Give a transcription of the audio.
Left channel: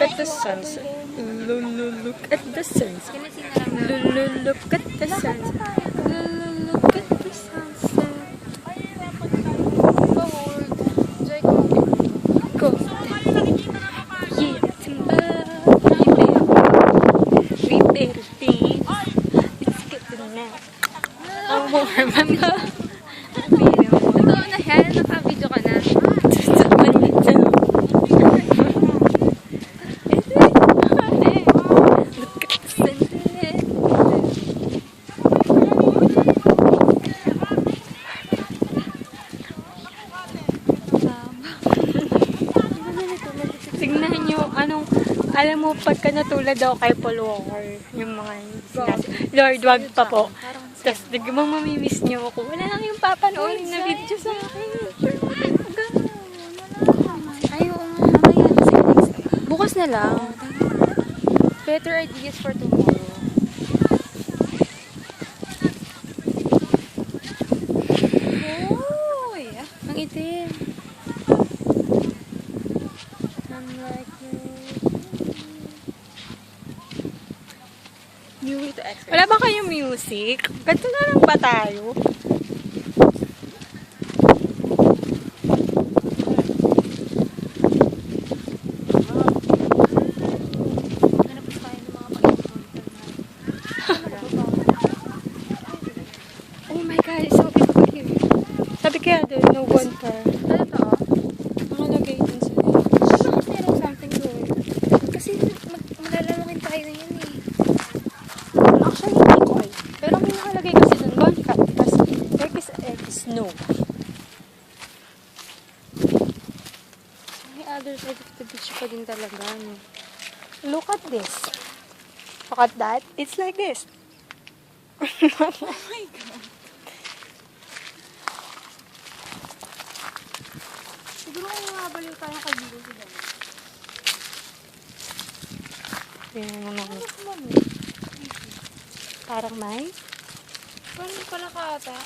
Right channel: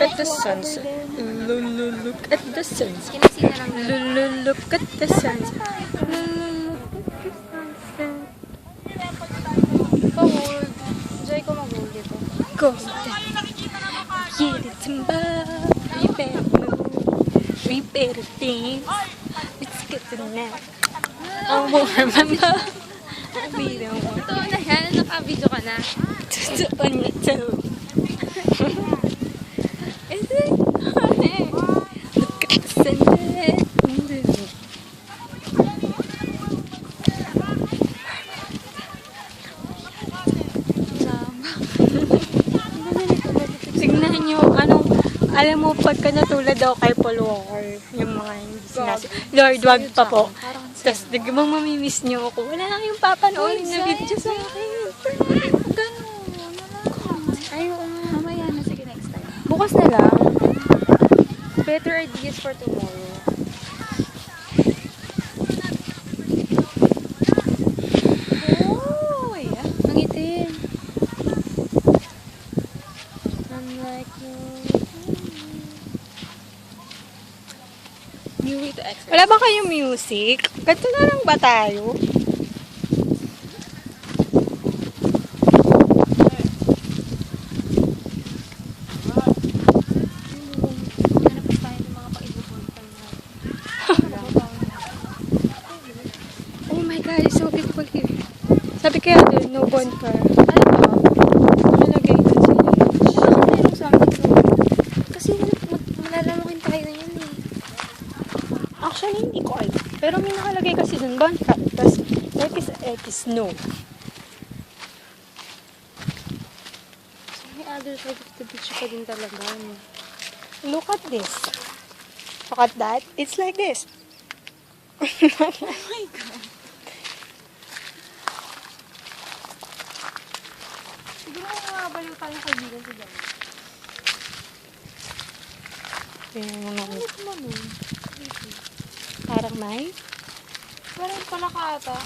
Look at the sunset. Look at the sunset. Look at the sunset. Look at the sunset. Go. Yeah, Simba. Repair things. Let's get the net. I won't remember. Ang video mo. Totoo na yan. Naka-video ka na. Just a minute. Is it? Look at the sunset. Tignan nyo, alam mo, pagka natulad daw kay Paul Walker, yung mga hindi sinasabi, Lord, wag pa po. Tapos, biglang mamimiss nyo ako. Wala lang yung papanoorin na video sa akin. Ayaw nga mamaya. Sige, next time. Bukas na lang. Better ideas for tomorrow. Oh, yeah. Ang itim. I'm like new way to exercise. Wala ba kayong music? Ganito na lang ba tayo? Hanap pa tayo ng mga pag-ibon. Oh my God, it's so beautiful here. Sabi kaya doon, no bonfire. Nalagay yun sa Bakit merong something doon? Kasi malalamukin tayo na yan eh. Actually, hindi ko alam. Pero may nakalagay kasi doon, bonfire. Tapos, snow. So, may other side of the beach pa din talaga. Look at this. Look at that. It's like this. Oh my God. Siguro may mabaliw tayong kaibigan sa dama. Tingnan mo naman. Ano? Parang may. Parang pala ka ata.